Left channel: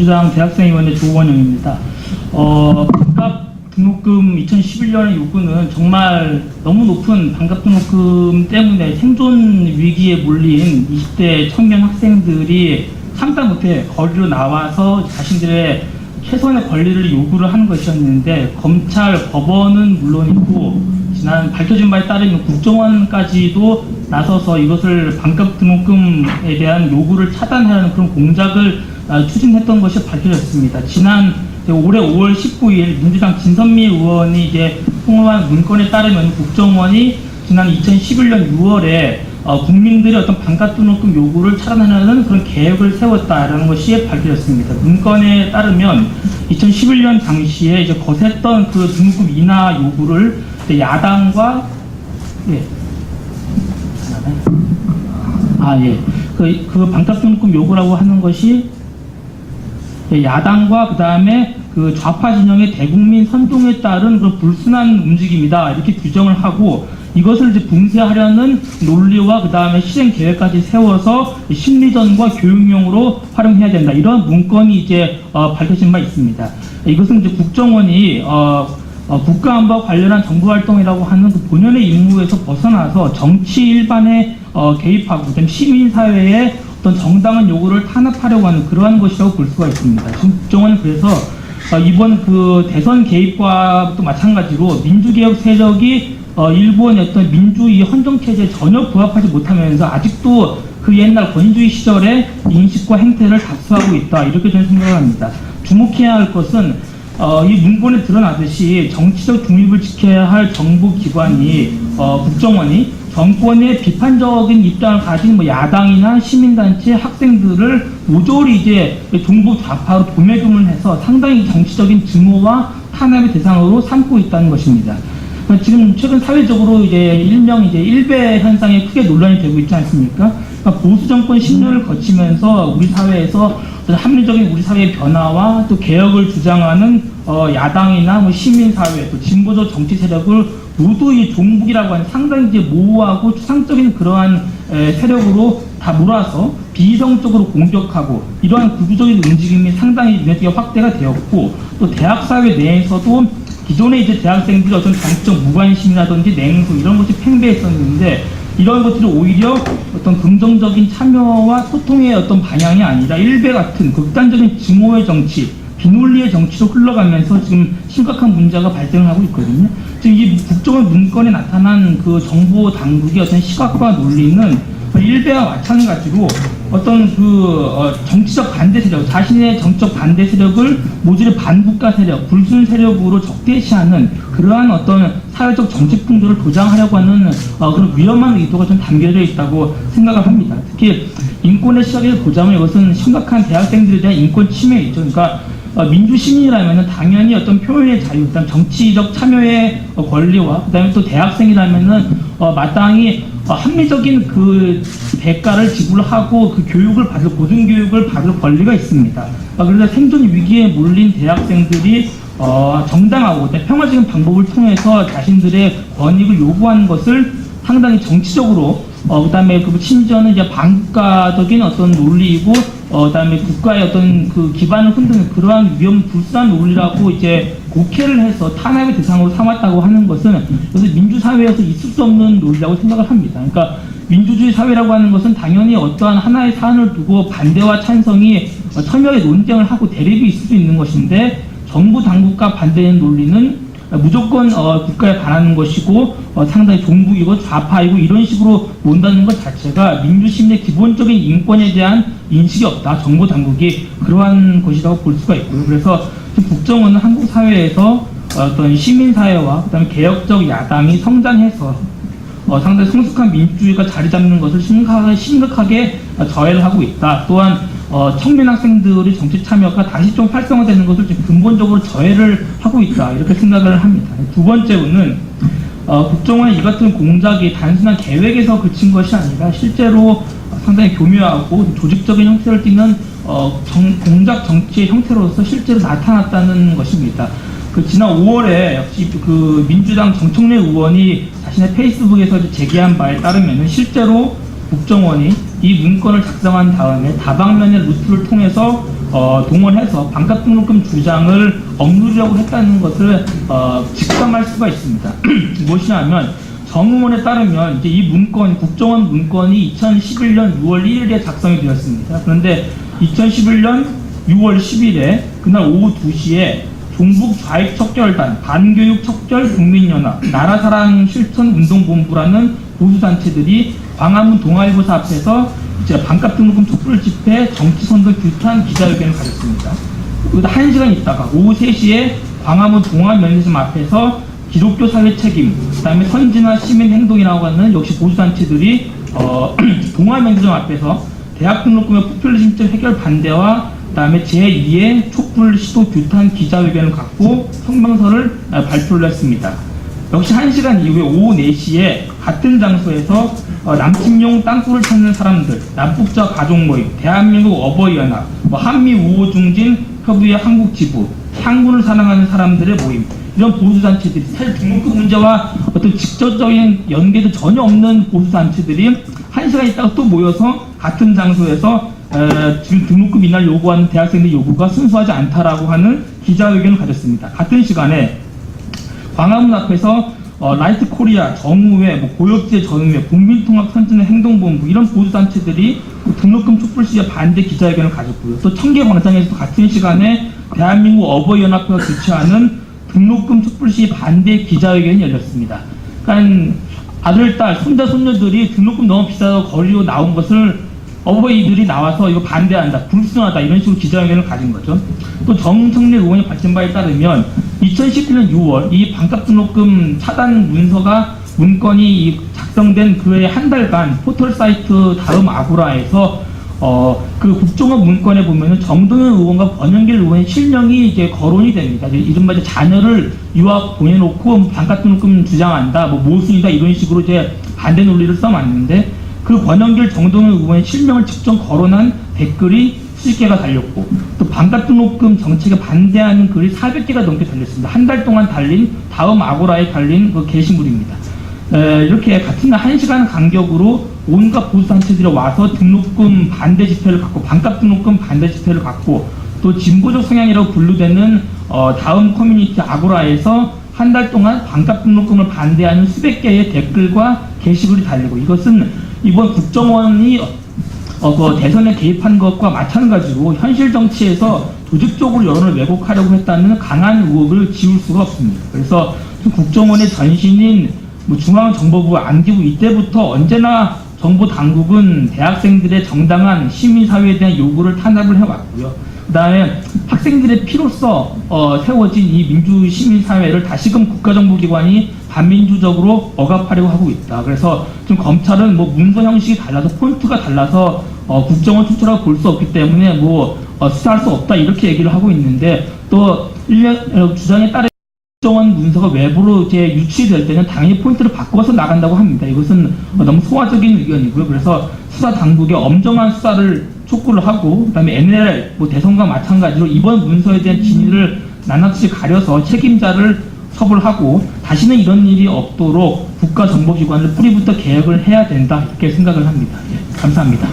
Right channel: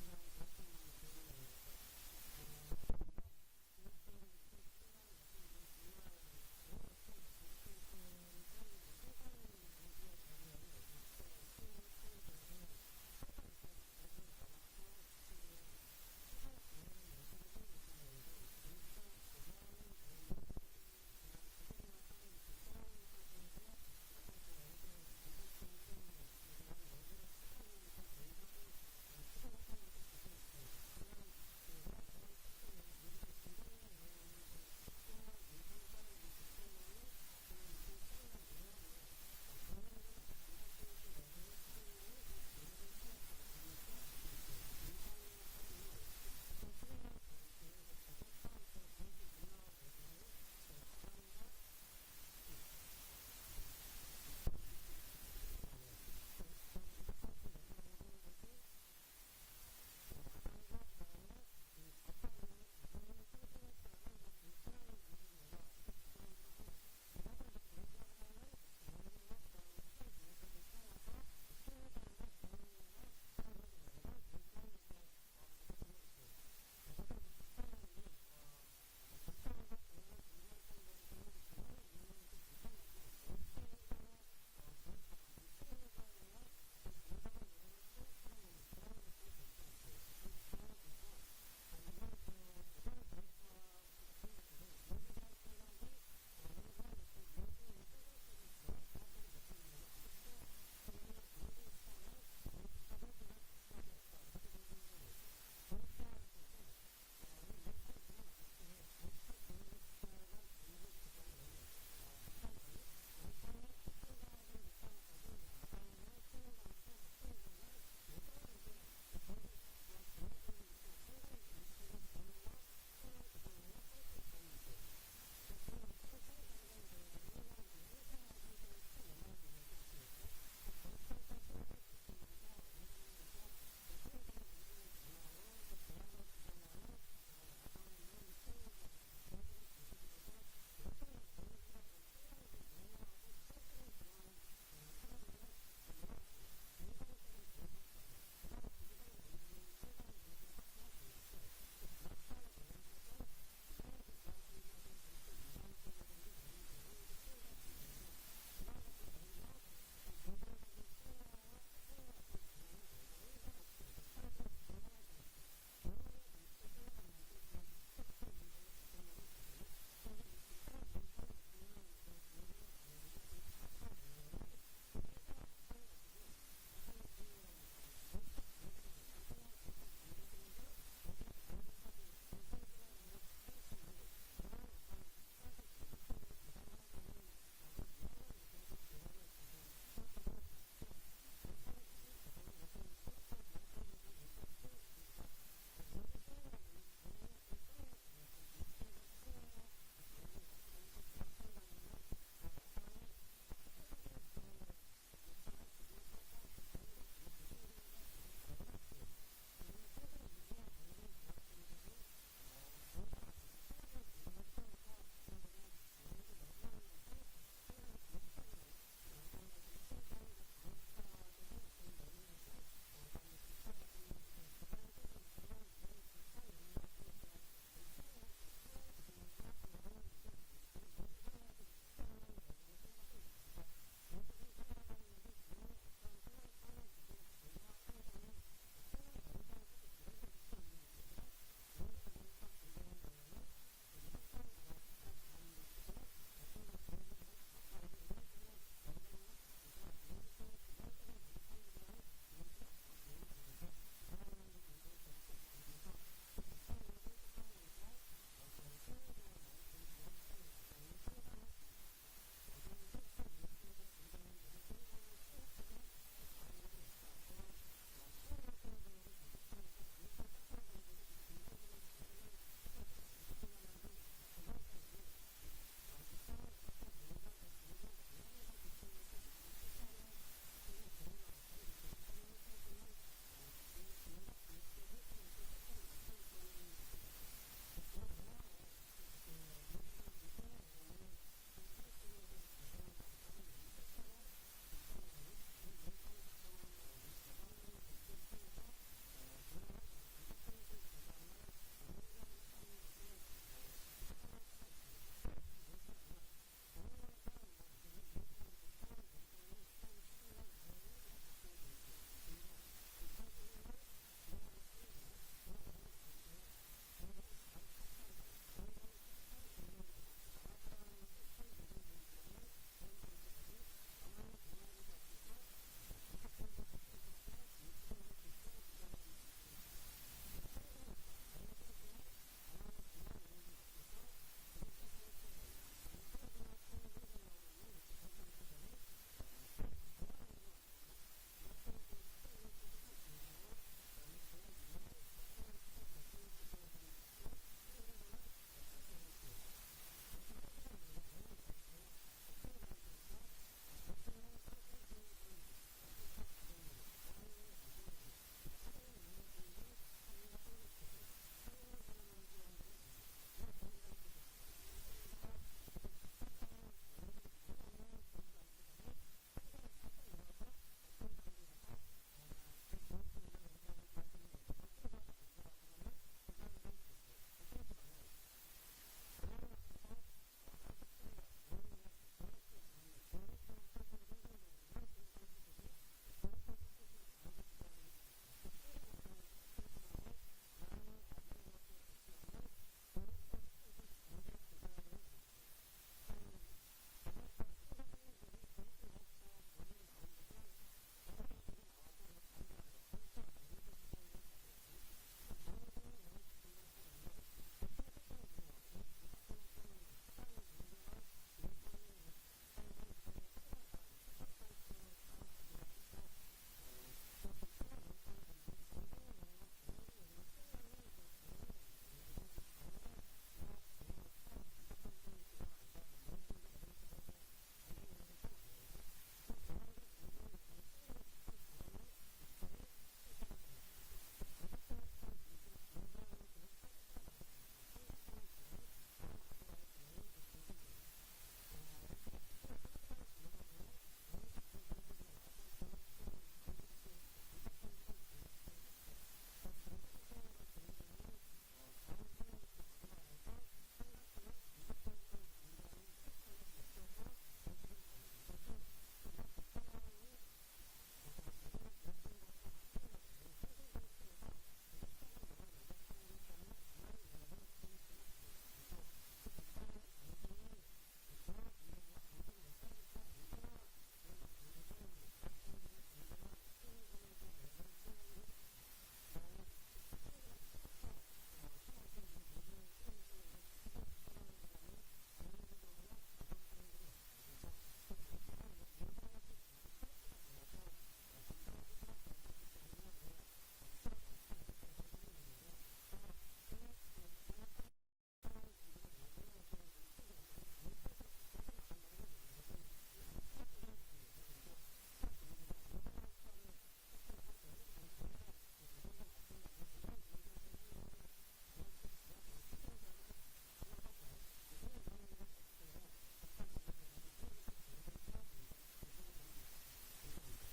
민주당 대학생위원회 조원영입니다. 반값 등록금 2011년의 요구는 정말 너무 높은 반값 등록금 때문에 생존 위기에 몰린 20대 청년 학생들이 참다 못해 거리로 나와서 자신들의 최소한의 권리를 요구를 하는 것이었는데, 검찰, 법원은 물론이고 지난 밝혀진 바에 따르면 국정원까지도 나서서 이것을 반값 등록금에 대한 요구를 차단하려는 그런 공작을 추진했던 것이 밝혀졌습니다. 지난 올해 5월 19일 민주당 진선미 의원이 이제 통화한 문건에 따르면 국정원이 지난 2011년 6월에 국민들의 어떤 반값 등록금 요구를 차단하려는 그런 계획을 세웠다라는 것이 밝혀졌습니다. 문건에 따르면 2011년 당시에 이제 거셌던 그 등록금 인하 요구를 야당과 그 반값 등록금 요구라고 하는 것이 야당과 그 다음에 그 좌파 진영의 대국민 선동에 따른 그 불순한 움직임이다, 이렇게 규정을 하고, 이것을 이제 붕괴하려는 논리와 그 다음에 실행 계획까지 세워서 심리전과 교육용으로 활용해야 된다, 이런 문건이 이제 밝혀진 바 있습니다. 이것은 이제 국정원이 국가안보와 관련한 정부활동이라고 하는 그 본연의 임무에서 벗어나서 정치 일반에 개입하고, 그다음에 시민사회에 어떤 정당한 요구를 탄압하려고 하는 그러한 것이라고 볼 수가 있습니다. 지금 국정원은 그래서 이번 그 대선 개입과 또 마찬가지로 민주개혁 세력이 일본의 어떤 민주주의 헌정체제에 전혀 부합하지 못하면서 아직도 그 옛날 권위주의 시절의 인식과 행태를 답수하고 있다, 이렇게 저는 생각을 합니다. 주목해야 할 것은 이 문건에 드러나듯이 정치적 중립을 지켜야 할 정부기관이 국정원이 정권의 비판적인 입장을 가진 뭐 야당이나 시민단체, 학생들을 모조리 이제 종북 좌파로 도매금을 해서 상당히 정치적인 증오와 탄압의 대상으로 삼고 있다는 것입니다. 지금 최근 사회적으로 이제 일명 이제 일배 현상이 크게 논란이 되고 있지 않습니까? 그러니까 보수 정권 10년을 거치면서 우리 사회에서 합리적인 우리 사회의 변화와 또 개혁을 주장하는 야당이나 뭐 시민사회, 또 진보적 정치 세력을 모두 이 종북이라고 하는 상당히 이제 모호하고 추상적인 그러한 세력으로 다 몰아서 비이성적으로 공격하고, 이러한 구조적인 움직임이 상당히 눈에 띄게 확대가 되었고, 또 대학사회 내에서도 기존의 이제 대학생들이 어떤 정치적 무관심이라든지 냉소 이런 것이 팽배했었는데, 이런 것들이 오히려 어떤 긍정적인 참여와 소통의 어떤 방향이 아니라 일배 같은 극단적인 증오의 정치, 비논리의 정치로 흘러가면서 지금 심각한 문제가 발생하고 있거든요. 지금 이 국정원 문건에 나타난 그 정부 당국의 어떤 시각과 논리는 일배와 마찬가지로 어떤 그 정치적 반대 세력, 자신의 정치적 반대 세력을 모조리 반국가 세력, 불순 세력으로 적대시하는 그러한 어떤 사회적 정책 풍조를 도장하려고 하는 그런 위험한 의도가 좀 담겨져 있다고 생각을 합니다. 특히 인권의 시각에서 보자면 이것은 심각한 대학생들에 대한 인권 침해이죠. 그러니까 민주시민이라면 당연히 어떤 표현의 자유, 그다음 정치적 참여의 권리와 그다음에 또 대학생이라면은 마땅히 합리적인 그 대가를 지불하고 그 교육을 받을, 고등교육을 받을 권리가 있습니다. 그래서 생존 위기에 몰린 대학생들이 정당하고 평화적인 방법을 통해서 자신들의 권익을 요구하는 것을 상당히 정치적으로 그다음에 그 심지어는 이제 반국가적인 어떤 논리이고 그다음에 국가의 어떤 그 기반을 흔드는 그러한 불순한 논리라고 이제 곡해를 해서 탄압의 대상으로 삼았다고 하는 것은 그래서 민주사회에서 있을 수 없는 논리라고 생각을 합니다. 그러니까 민주주의 사회라고 하는 것은 당연히 어떠한 하나의 사안을 두고 반대와 찬성이 첨예하게 논쟁을 하고 대립이 있을 수 있는 것인데, 정부 당국과 반대하는 논리는 무조건 국가에 반하는 것이고 상당히 종북이고 좌파이고 이런 식으로 논다는 것 자체가 민주시민의 기본적인 인권에 대한 인식이 없다, 정부 당국이 그러한 것이라고 볼 수가 있고요. 그래서 국정원은 한국 사회에서 어떤 시민사회와 그다음에 개혁적 야당이 성장해서 상당히 성숙한 민주주의가 자리 잡는 것을 심각하게 저해를 하고 있다. 또한 청년 학생들의 정치 참여가 다시 좀 활성화되는 것을 지금 근본적으로 저해를 하고 있다, 이렇게 생각을 합니다. 두 번째로는 국정원의 이 같은 공작이 단순한 계획에서 그친 것이 아니라 실제로 상당히 교묘하고 조직적인 형태를 띠는 공작 정치의 형태로서 실제로 나타났다는 것입니다. 지난 5월에 역시 그 민주당 정청래 의원이 자신의 페이스북에서 제기한 바에 따르면 실제로 국정원이 이 문건을 작성한 다음에 다방면의 루트를 통해서 동원해서 반값 등록금 주장을 억누르려고 했다는 것을 직감할 수가 있습니다. 무엇이냐면 정의원에 따르면 이제 이 문건, 국정원 문건이 2011년 6월 1일에 작성이 되었습니다. 그런데 2011년 6월 10일에 그날 오후 2시에 종북 좌익 척결단, 반교육 척결 국민연합, 나라사랑 실천운동본부라는 보수단체들이 광화문 동아일보사 앞에서 이제 반값 등록금 촛불 집회 정치선거 규탄 기자회견을 가졌습니다. 1시간 있다가 오후 3시에 광화문 동아면세점 앞에서 기독교 사회 책임, 그 다음에 선진화 시민 행동이라고 하는 역시 보수단체들이 동아면세점 앞에서 대학 등록금의 포퓰리즘적 해결 반대와 그 다음에 제2의 촛불 시도 규탄 기자회견을 갖고 성명서를 발표를 했습니다. 역시 1시간 이후에 오후 4시에 같은 장소에서 남침용 땅굴을 찾는 사람들, 남북자 가족 모임, 대한민국 어버이연합, 한미 우호 중진 협의회 한국지부, 향군을 사랑하는 사람들의 모임, 이런 보수단체들이 사실 등록금 문제와 어떤 직접적인 연계도 전혀 없는 보수단체들이 1시간 있다가 또 모여서 같은 장소에서 지금 등록금 인하를 요구하는 대학생들 요구가 순수하지 않다라고 하는 기자회견을 가졌습니다. 같은 시간에 광화문 앞에서 라이트 코리아, 정의회, 고역제 정의회, 국민통합 선진의 행동본부 이런 보수단체들이 등록금 촛불 시위에 반대 기자회견을 가졌고요. 또 청계광장에서도 같은 시간에 대한민국 어버이연합회가 주최하는 등록금 촛불 시위 반대 기자회견이 열렸습니다. 그러니까 아들, 딸, 손자, 손녀들이 등록금 너무 비싸서 거리로 나온 것을 어버이들이 나와서 이거 반대한다, 불순하다 이런 식으로 기자회견을 가진 거죠. 또 정청래 의원이 밝힌 바에 따르면 2017년 6월 이 반값 등록금 차단 문건이 작성된 그해 한 달간 포털 사이트 다음 아고라에서 그 국정원 문건에 보면은 정동현 의원과 권영길 의원의 실명이 이제 거론이 됩니다. 이른바 이제 자녀를 유학 보내놓고 반값 등록금 주장한다, 모순이다 이런 식으로 이제 반대 논리를 써왔는데 그 권영길 정동현 의원의 실명을 직접 거론한 댓글이 수십 개가 달렸고 또 반값 등록금 정책에 반대하는 글이 400개가 넘게 달렸습니다. 한 달 동안 달린 다음 아고라에 달린 그 게시물입니다. 이렇게 같은 날 1시간 간격으로 온갖 보수단체들이 와서 등록금 반대 집회를 갖고 반값 등록금 반대 집회를 갖고 또 진보적 성향이라고 분류되는 다음 커뮤니티 아고라에서 한 달 동안 반값 등록금을 반대하는 수백 개의 댓글과 게시글이 달리고 이것은 이번 국정원이 그 대선에 개입한 것과 마찬가지로 현실 정치에서 조직적으로 여론을 왜곡하려고 했다는 강한 의혹을 지울 수가 없습니다. 그래서 국정원의 전신인 중앙정보부, 안기부 이때부터 언제나 정보 당국은 대학생들의 정당한 시민사회에 대한 요구를 탄압을 해왔고요. 그 다음에 학생들의 피로써 세워진 이 민주시민사회를 다시금 국가정보기관이 반민주적으로 억압하려고 하고 있다. 그래서 지금 검찰은 문서 형식이 달라서 폰트가 달라서 국정원 출처라고 볼 수 없기 때문에 수사할 수 없다 이렇게 얘기를 하고 있는데 또 주장에 따르면 국정원 문서가 외부로 이제 유치될 때는 당연히 포인트를 바꿔서 나간다고 합니다. 이것은 너무 소화적인 의견이고요. 그래서 수사 당국의 엄정한 수사를 촉구를 하고 그다음에 NLL 대선과 마찬가지로 이번 문서에 대한 진위를 낱낱이 가려서 책임자를 처벌하고 다시는 이런 일이 없도록 국가정보기관을 뿌리부터 개혁을 해야 된다 이렇게 생각을 합니다. 감사합니다.